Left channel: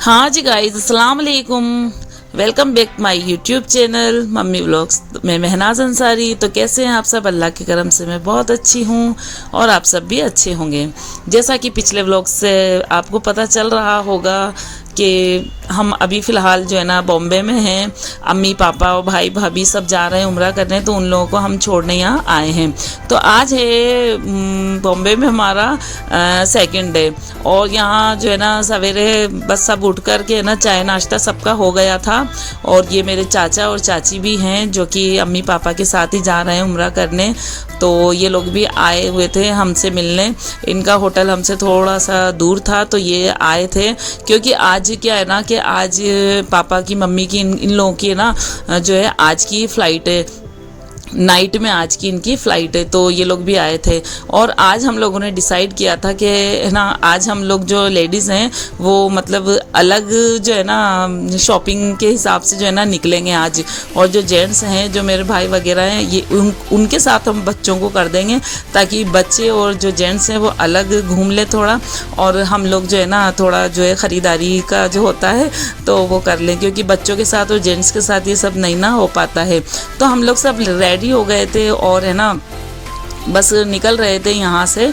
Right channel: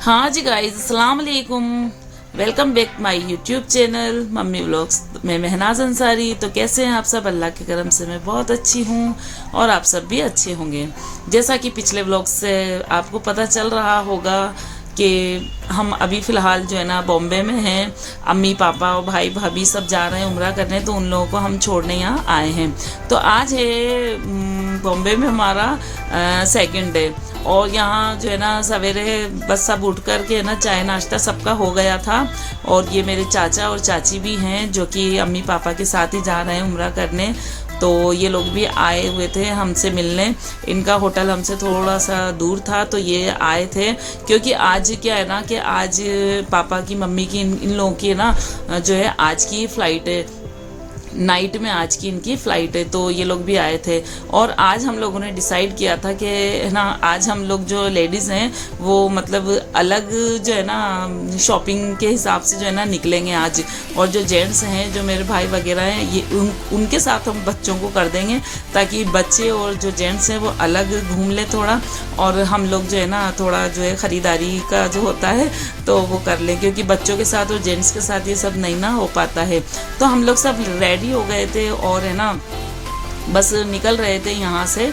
हाँ जी गाइस, अस्सलाम वालेकुम। Welcome back my YouTube channel mummy vlogs में महनाज अंसारी। तो कैसे हैं आप सब? अल्लाह के करम से मैं बहुत अच्छी हूँ और आप सब भी अच्छे होंगे। जैसा कि पिछले व्लॉग से आपको पता चल रहा होगा कि हम अभी फ़िलहाल जो है ना बॉम्बे में हैं। अम्मी पापा और भाई भाभी सब जा रहे हैं उम्रा करने, तो उन लोगों को हम छोड़ने यहाँ आए हैं। तो आज है बॉम्बे में हमारा सेकंड डे, और यहाँ जो है ना सवेरे बस सब उठ कर के ना चाय नाश्ता सबका हो गया था। और ये मेरे चाचा और चाची भी हैं जो कि अम्मी पापा के साथ ही जा रहे हैं उम्रा करने। तो ये लोग भी आए हुए थे हमसे मिलने। इनका होटल हमसे थोड़ा सा दूर था तो ये आए थे, क्योंकि आज क्या है ना कि आज पापा की मम्मी की इन लोगों की ना जो है आज की फ़्लाइट है, नाइट में आज की इनकी फ़्लाइट है। तो ये लोग भी आए थे और आज हम लोगों ने डिसाइड किया था कि है ना आज हम लोग जो लेडीज़ हैं वो मतलब अलग जो है ना शॉपिंग के हिसाब से जो है ना निकलेंगे आज, और जो जेंट्स हैं जो मेरे भाई वगैरह हैं ये उनके साथ हम बच्चों को कर देंगे, ताकि बच्चे और जो जेंट्स हैं वो अलग घूम ले थोड़ा, और हम लोग जो है ना थोड़ा जो है ख़रीदारी का जो होता है तो वो कर लें, क्योंकि बच्चों के साथ और जेंट्स के साथ ये सब नहीं ना हो पाता है। तो हम लोग सब रेडी हो गए थे और है ना बस निकल रहे थे यहाँ से।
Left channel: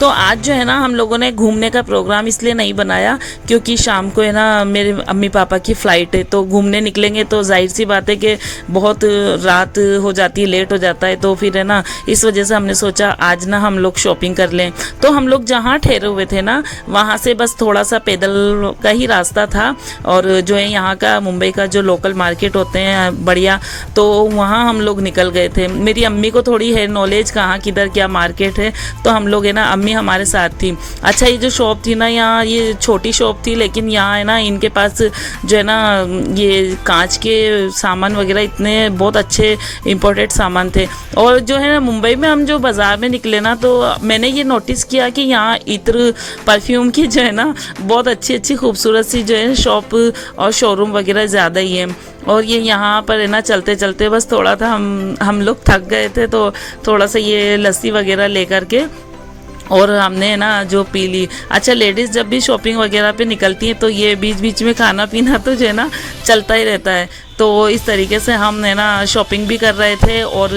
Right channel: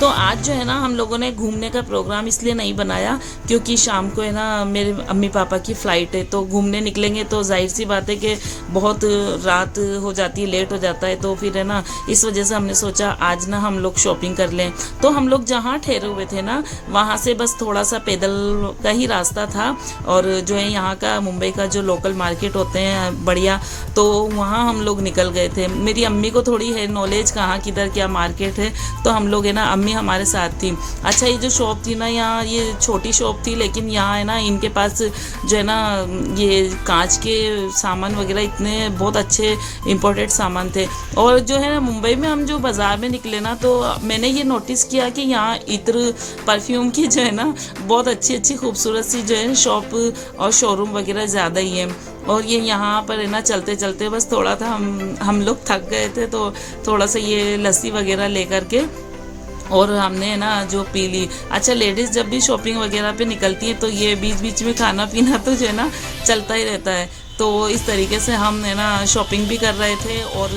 तो आज जो है ना हम लोगों ने घूमने का प्रोग्राम इसलिए नहीं बनाया क्योंकि शाम को है ना मेरे अम्मी पापा की फ़्लाइट है, तो घूमने निकलेंगे तो जाहिर सी बात है कि बहुत रात हो जाती है, लेट हो जाता है। तो फिर है ना इस वजह से हमने सोचा आज ना हम लोग शॉपिंग कर लें। तो हम लोग जहाँ ठहरे हुए थे ना वहाँ से बस थोड़ा सा पैदल का ही रास्ता था, और जो है यहाँ का मुंबई का जो लोकल मार्केट होते हैं बढ़िया, तो वहाँ हम लोग निकल गए थे। मेरी अम्मी को थोड़ी है नॉलेज कहाँ किधर क्या मार्केट है, तो हम लोग है ना हमारे साथ थी। अच्छा, ये जो शॉप थी ना यहाँ ये छोटी शॉप थी, लेकिन यहाँ है ना इनके पास जो है ना ये कांच के सामान वगैरह इतने बहुत अच्छे इम्पोर्टेड सामान थे। और जो है ना मुंबई में हम जो बाज़ार में निकले ना तो मैंने ये नोटिस किया कि यहाँ इत्र परफ्यूम की जो है ना बहुत अच्छी अच्छी खूबसूरत सी जो है शॉप और शोरूम वगैरह ज़्यादा ही है। और ये यहाँ पर है ना चलते चलते बस थोड़ा था हम लोग थक गए थे, तो थोड़ा सा ये लस्सी वगैरह लेकर के और हमने ना जो पी ली। अच्छा, लेडीज़ जब भी शॉपिंग वगैरह पे निकलती हैं तो ये बीच बीच में खाना पीना तो जो है ना चलता ही रहता है। तो इस तरीके से हम है ना शॉपिंग भी कर रहे थे और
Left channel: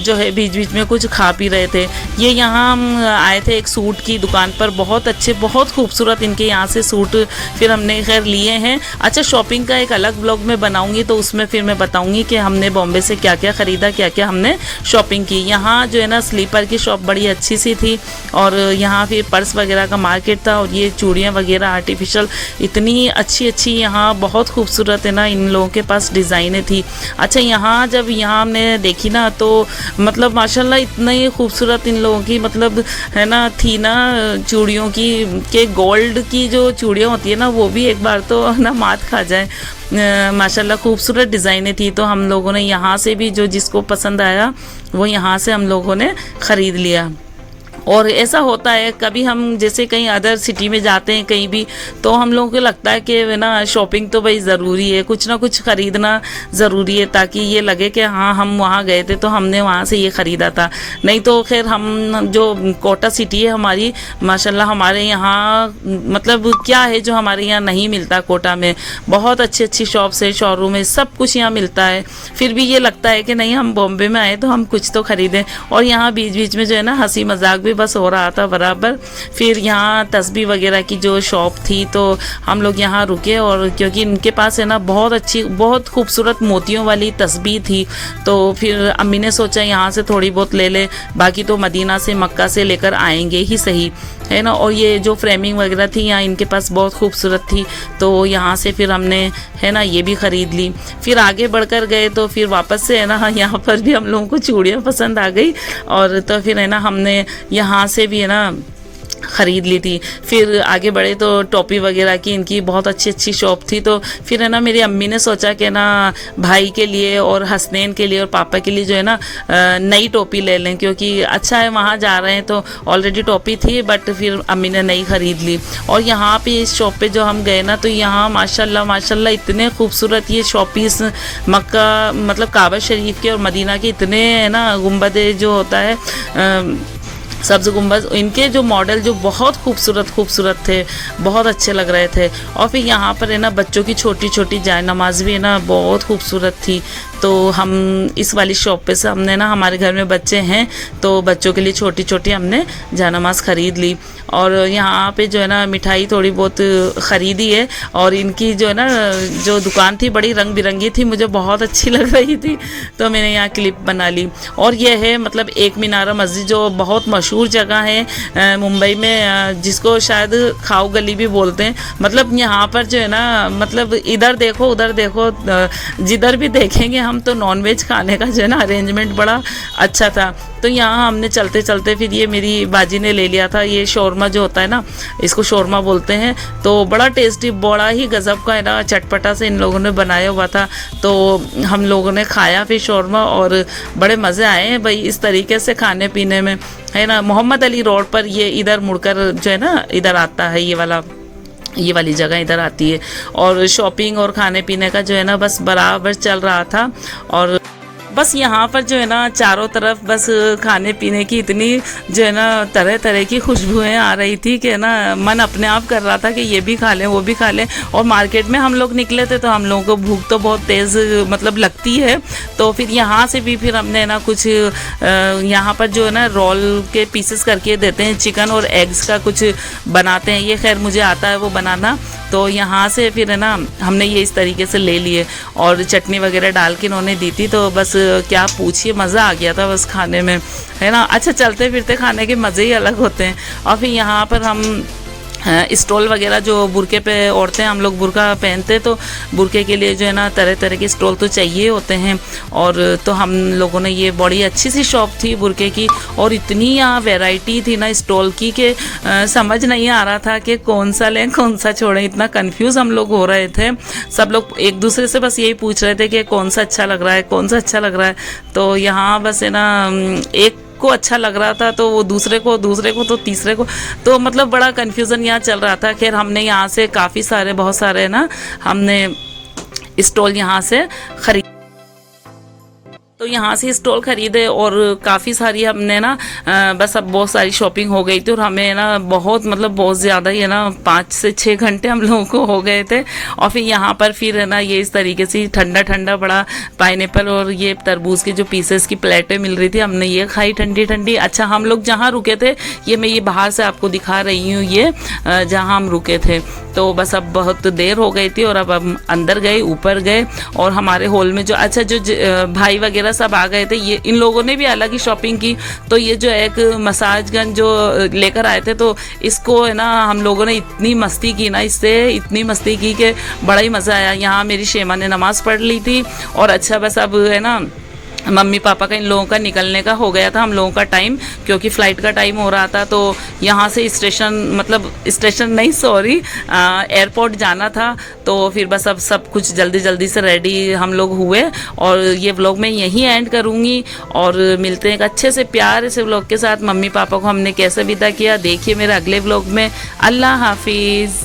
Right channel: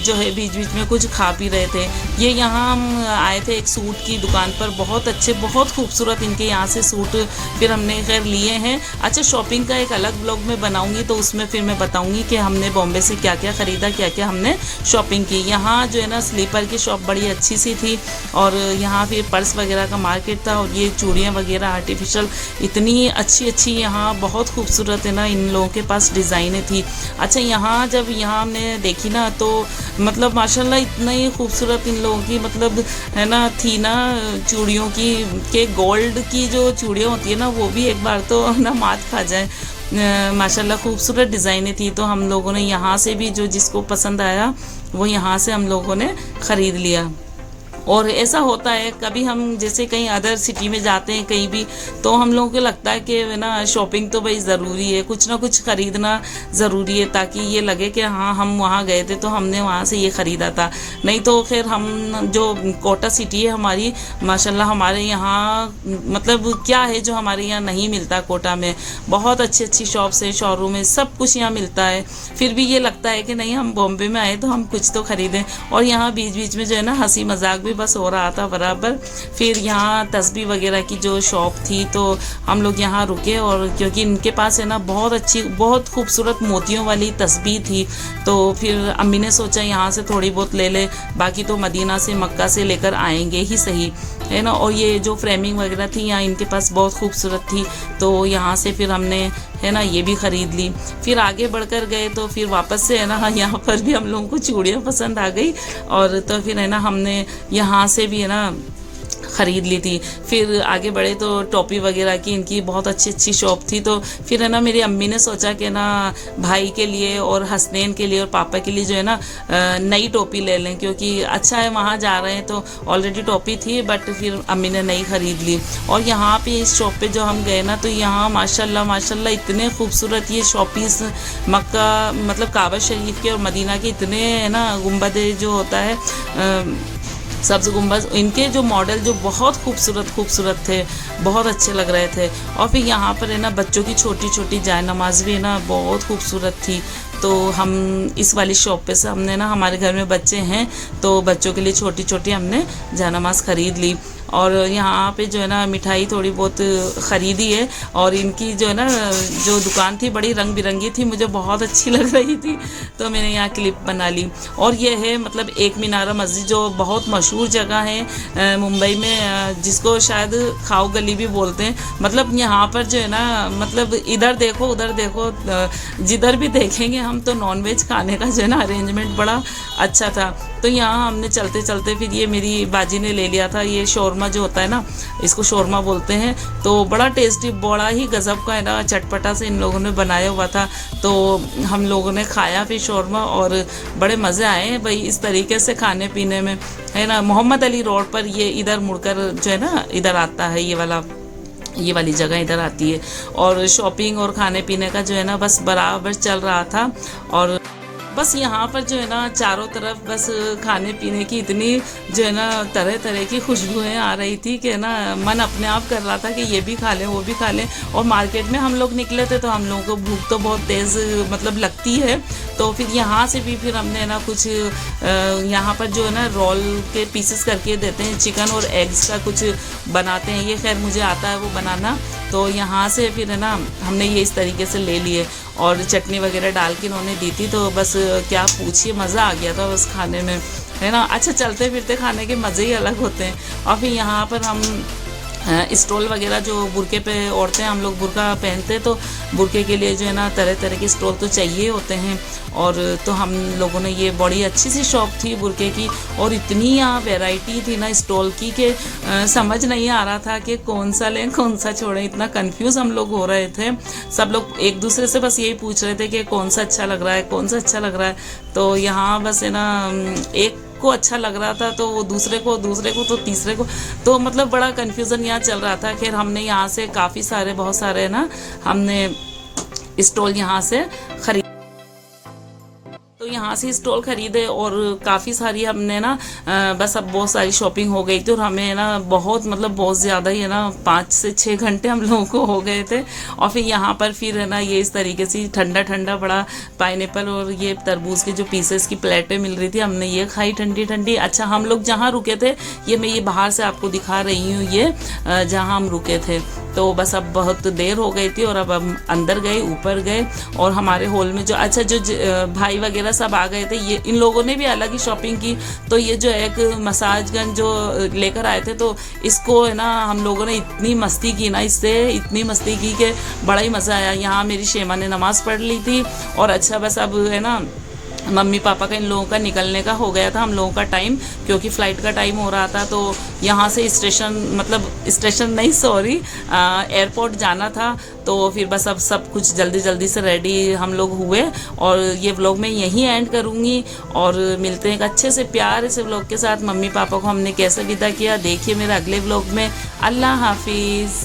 जो है बीच बीच में कुछ खा पी रहे थे। ये यहाँ हम आए थे एक सूट की दुकान पर, बहुत अच्छे बहुत खूबसूरत इनके यहाँ से सूट फिर हमने खैर लिए हैं। अच्छा, शॉपिंग का एक अलग ब्लॉग में बनाऊंगी तो उसमें फिर मैं बताऊंगी कि हमने बॉम्बे से क्या क्या ख़रीदा, क्या क्या हमने शॉपिंग की। यहाँ जो है ना स्लीपर की शॉप बड़ी अच्छी सी थी, और यहाँ फिर पर्स वगैरह का मार्केट था, और ये चूड़ियाँ वगैरह आर्टिफिशियल इतनी अच्छी अच्छी यहाँ बहुत खूबसूरत है ना इन लोगों के पास डिज़ाइनें थी। अच्छा, यहाँ जब यहाँ हमने देखी ना तो मतलब माशाल्लाह इतना ही खूबसूरत इन लोगों की मतलब है ना थी ना चूड़ियों की, के गोल्ड की जो चूड़ियाँ होती है ना वो भी एक बार तो ना मात खा जाए। माशाल्लाह खूबसूरत डिज़ाइनें थी। तो हम लोगों ने यहाँ से भी जो जिसको पसंद आया वो यहाँ से हम लोगों ने ख़रीद लिया। और ऐसा होता है कभी हम जैसे कहीं अदर सिटी में जाते हैं कहीं भी, तो हम लोगों को लगता है कि ना शॉपिंग तो भाई ज़रूरी है, कुछ ना कुछ ख़रीदना ज़रूरी है, ताकि ये लगे कि हाँ हम वहाँ गए थे तो हमने वहाँ से ये ख़रीदा था। नहीं तो खैर हम जो कोटा सिटी है हमारी माशाल्लाह हमारे यहाँ मतलब क्या है जो हमारे यहाँ नहीं मिलता। कोटा में बहुत अच्छी अच्छी शॉप्स है, शोरूम है, सब कुछ यहाँ मिलता है। फिर भी ये लगता है कि नहीं हम बॉम्बे में आए तो हम कुछ तो ख़रीदें। और यहाँ बीच बीच में जो है ना हंसी मजाक बस हो रहा था बराबर। फिर यहाँ तस्बीह वगैरह की जो शॉप थी तो हम लोग यहाँ रुके, और क्योंकि इनके पास है ना बहुत अच्छी बहुत खूबसूरत मोतियों वाली तस्बीह थी, तो फिर अम्मी ने सोचा यहाँ से थोड़ी बहुत ले ले, बाकी तो मदीना से मक्का से लेकर आएंगे ही सही, है ना। और ये जो फ्रेमिंग वगैरह थी यहाँ इनके पास बहुत खूबसूरत थी, तो यहाँ से फिर हमने है ना ये भी ख़रीद ली। फिर आगे बढ़कर गए तो फिर वापस से है ना यहाँ पर भी हम लोगों को चूड़ियाँ पसंद आ गई, और तो फिर है ना हमने यहाँ से भी है ना ख़रीद ली थी। फिर आगे बढ़े तो टोपी वगैरह की इनकी बहुत अच्छी अच्छी शॉप थी। तो फिर है ना मेरी अम्मी ने सोचा कि ना भाई के लिए और हसनैन के लिए और पापा के लिए जो है ना नई टोपी ले लें, क्योंकि अच्छा है वहाँ जा रहे हैं तो ऑलरेडी टोपी थी, बट फिर अम्मी ने नई ख़रीद ली। और यहाँ पे इस शॉप पे जो हम गए ना तो यहाँ माशाल्लाह माशाल्लाह इतने खूबसूरत ये शॉपीस मक्का मतलब काबा शरीफ के और मदीना के इतने है ना गुंबद जो होता है सब्ज गुम्बज, इनके जो मॉडल जो बहुत खूबसूरत थे, बहुत अच्छे लग रहे थे। और फिर यहाँ पर है ना बच्चों की छोटी छोटी जाय नमाज भी है ना बहुत खूबसूरत थी। तो हम इस वाली शॉप पे से हमने ना, हमारे घर में बच्चे हैं तो बच्चों के लिए छोटी छोटी हमने जायनमाज ख़रीद ली। और यहाँ पे जो है ना मिठाई थोड़ी बहुत ख़रीदी है। और इनकी जो है ना जो दुकान थी बड़ी रंग बिरंगी थी, मुझे बहुत अच्छी लग रही थी तो मैंने यहाँ क्लिप बना ली। और ये है मतलब एक मीनारा मस्जिद, जो बहुत मशहूर जगह है मुंबई में, जिसको शायद खाओ गली भी बोलते हैं। मतलब यहाँ पर जो है ना मतलब इधर देखो उधर देखो, जिधर भी देखेंगे हम तो नॉनवेज खाने का जो है ना अरेंजमेंट बड़ा अच्छा था। तो यहाँ हमने चलते चलते फिर ये मेरी बाजी ने ले लिया था ये शौरमा जो होता है ना, इसको शौरमा बोलते हैं। तो बड़ा टेस्टी, बड़ा ही गजब का है ना, चटपटा से इन लोगों ने बनाया हुआ था। तो हम लोगों ने खाया फिर शौरमा और बड़े मज़े आए हैं भाई इस तरीके से खाने पीने में, है ना। मोहम्मद अली रोड पर ये इधर मुड़कर जो है ना इधर आता है, ये वाली जगह इधर आती है। और शॉपिंग और खाने पीने का जो है ना बस बराबर चल रहा था। और बस यहाँ पर जो है ना चारों तरफ बस खाने पीने की इतनी जो है ना तरह तरह की खुशबुएं आ रही थी कि ना मन अपने आप कर रहा था कि ये भी खा लें वो भी खा लें। और मार्केट में हम लोग निकले थे तो हम लोगों को भूख तो बहुत तेज़ मतलब लगती है। तो फिर यहाँ से भी फिर हमने ना कुछ यहाँ पर जो है ना रोल के पीसेस करके देते हैं, चिकन और एग्स का कुछ बनाते हैं, ये खैर मुझे आता है वो बनाना। तो यहाँ से फिर है ना हमने ये इस तरीके से ले लिए और चटनी वगैरह डाल के इन्होंने दी थी। तो बस क्या पूछिए, मज़ा आ गया था बस खाने में, है ना। अच्छा, चलते फिरते खाने के मज़े ही अलग होते हैं। और फिर यहाँ पर हम स्टॉल वगैरह जो बुरके पे औरतें, हम लोग बुरका पहनते तो बुरके के लिए जो है ना तरह तरह के स्टॉल तो चाहिए होते हैं। और तो हम लोगों ने ये बड़ी अच्छी सी शॉप थी बुरके की, और इतनी यहाँ वैरायटी थी ना स्टॉल की कि समझ नहीं आ रहा था कि कौन सा लें कौन सा छोड़ें, इतना कंफ्यूज हम लोग हो रहे थे। सब लोग एक दूसरे से बस यही पूछ रहे थे कि कौन सा अच्छा लग रहा है, कौन सा अच्छा लग रहा है। तो यहाँ बस है ना एक को अच्छा लग रहा था तो वो दूसरे को तो तीसरे को, तो मतलब बड़ा कन्फ्यूज़न यहाँ चल रहा था। खैर हमने यहाँ से काफ़ी सारे, बहुत सारे ना हमने स्टॉल यहाँ से खरीद, तो यहाँ से स्टॉल खरीदे और काफ़ी सारी हमने ना बस अब बहुत सारी शॉपिंग हो गई थी। और हमें ना बहुत मतलब बहुत ज़्यादा ही है ना 5 से 6 घंटे हम लोगों को हो गए थे। और फिर यहाँ पर फिर है ना ये इस तरीके से ठंडा ठंडा बड़ा पाइनएप्पल और ये तरबूज की जो पीसेस की प्लेटें मिल रही थी, हमने ये खाई ठंडी ठंडी। अच्छा, हम लोग जहाँ रुके थे मैं ये बाहर से आपको दिखा रही हूँ, ये जहाँ हम रुके थे। तो बस अब बहुत देर हो गई थी और अब हम अंदर गए, ऊपर गए और हमारे हॉल में जो अच्छा जो भाई वगैरह सब आ गए थे, ये इन लोगों ने भी अलग ही शॉपिंग की। तो ये जो एक मसाज गन जो लेकर आए थे, तो इसको है ना हम लोगों ने इतनी मस्ती की ना, इससे इतनी मस्ती की कि बड़ा ही मज़ा आया। यहाँ मेरी शेमा ने नमाज़ पढ़ ली थी और अच्छा बस अब है ना मम्मी पापा का इन लोगों का निकलने का हो गया था, हम लोगों का टाइम, क्योंकि फ़्लाइट का टाइम हो रहा था। तो यहाँ से स्टेशन, मतलब स्टेशन नहीं सॉरी एयरपोर्ट जाना था। तो फिर बस अब सब कुछ जल्दी जल्दी से रेडी हम लोग हुए और ये व्लॉग मैं यहीं एंड करूँगी और मिलते हैं एक अच्छे से प्यारे से व्लॉग के साथ। मम्मी पापा को हमने कैसे विदा किया देखिए मेरे अगले व्लॉग में। अल्लाह हाफिज़।